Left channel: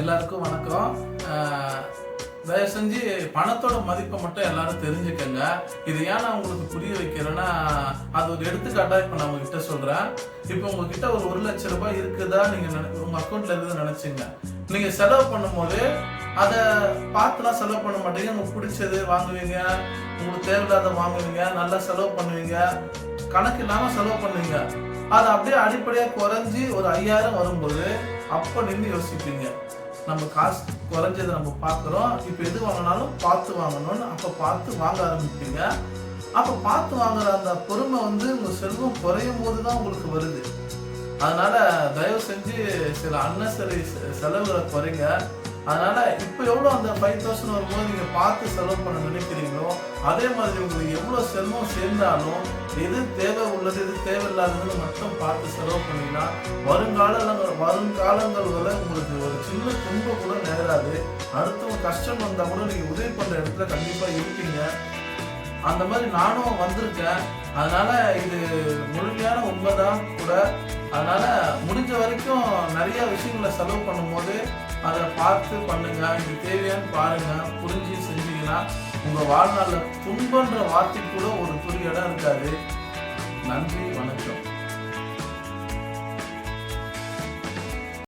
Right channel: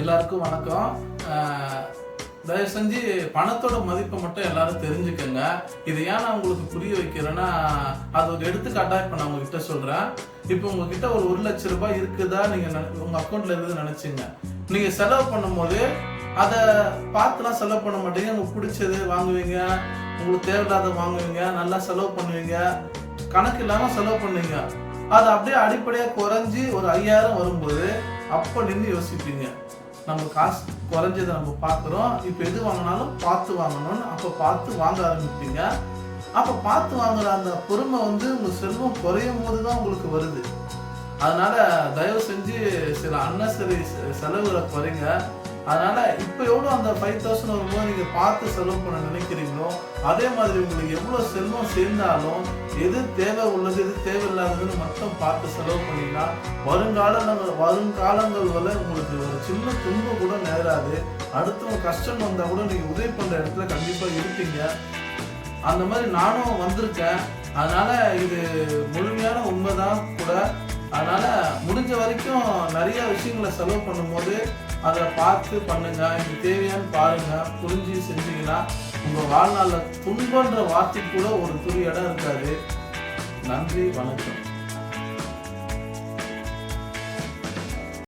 எல்லாருக்கும் வணக்கம். தயவு செஞ்சு பணத்தோட மதிப்பை மட்டும் எல்லாரும் தெரிஞ்சுக்கங்க. இது ஏன் நான் உங்களுக்கு புரிய வைக்கிறேன்னா, அது ஒரு எடுத்துக்காட்டா இப்ப நான் உங்ககிட்ட சொல்றேன். இப்போ உங்ககிட்ட ஒரு 1,00,000 ரூபாய் இருக்குதா நீங்க உங்க அக்கௌண்ட்ல இருந்து நினைச்சீங்க. நீங்க செலவு பண்ணும்போது அதை பார்த்துலாம் செலவு பண்ண மாட்டீங்க. உங்களுக்கு பிடிச்சது வாங்குவீங்க, உங்களுக்கு தேவையில்லாத வாங்குவீங்க, நல்லா செலவு பண்ணுவீங்க, கணக்கு இல்லாம செலவு பண்ணுவீங்க. அது அப்படியே அடிப்படையா குறைஞ்சி ஒரு 5,000 வரும்போது அப்ப நின்று யோசிப்பீங்க, நம்ம காசு குறைஞ்சதை நம்ம பார்க்குறோம், இப்போ எது வாங்கினாலும் பார்த்து வாங்கணும்னு. அப்போ பார்த்து வாங்க ஆரம்பிப்பீங்க. அப்போ பார்த்து வாங்குற அந்த பொறுமை உங்க செல்வம் குறையும் போது தான் உங்களுக்கு வருது. அதனால தயவு செஞ்சு சில அன்னசரி செலவுகளை குறைங்க. அதனால இப்போ எவ்வளோ அந்த 5,000 வரும்போது நீங்க பார்த்து செலவு பண்ண நினைக்கிறீங்களோ, அதே மாதிரி உங்களுக்கு எவ்வளோ செல்வம் சேர்ந்தாலும் எது தேவை உள்ளது எது தேவையில்லாததுன்னு மட்டும் பார்த்து செலவு பண்ணீங்கன்னா வருங்காலங்கள் வரை உங்களுக்கு ஒரு சின்ன துன்பம் கூட நேராது. அடுத்தவங்க கஷ்டம் வந்தா கூட நீங்க உதவி பண்ற இடத்துல கண்டிப்பா இருப்பீங்க. அந்த மாதிரி நானும் வந்திருக்கேன். அதனால இது முழுமையான உண்மைதான் கூட. அதனால முடிஞ்ச வரைக்கும் நிறைய விஷயங்களை செலவு பண்ணும்போது அதை பார்த்து பண்ணுங்க. இது தேவையான்னு பாருங்க, புரிஞ்சு செஞ்சீங்கன்னா உங்க வாழ்நாள்ல துன்பன்ற வார்த்தை கூட ஒரு துளி இடம் இருக்காது. நன்றி, வணக்கம்.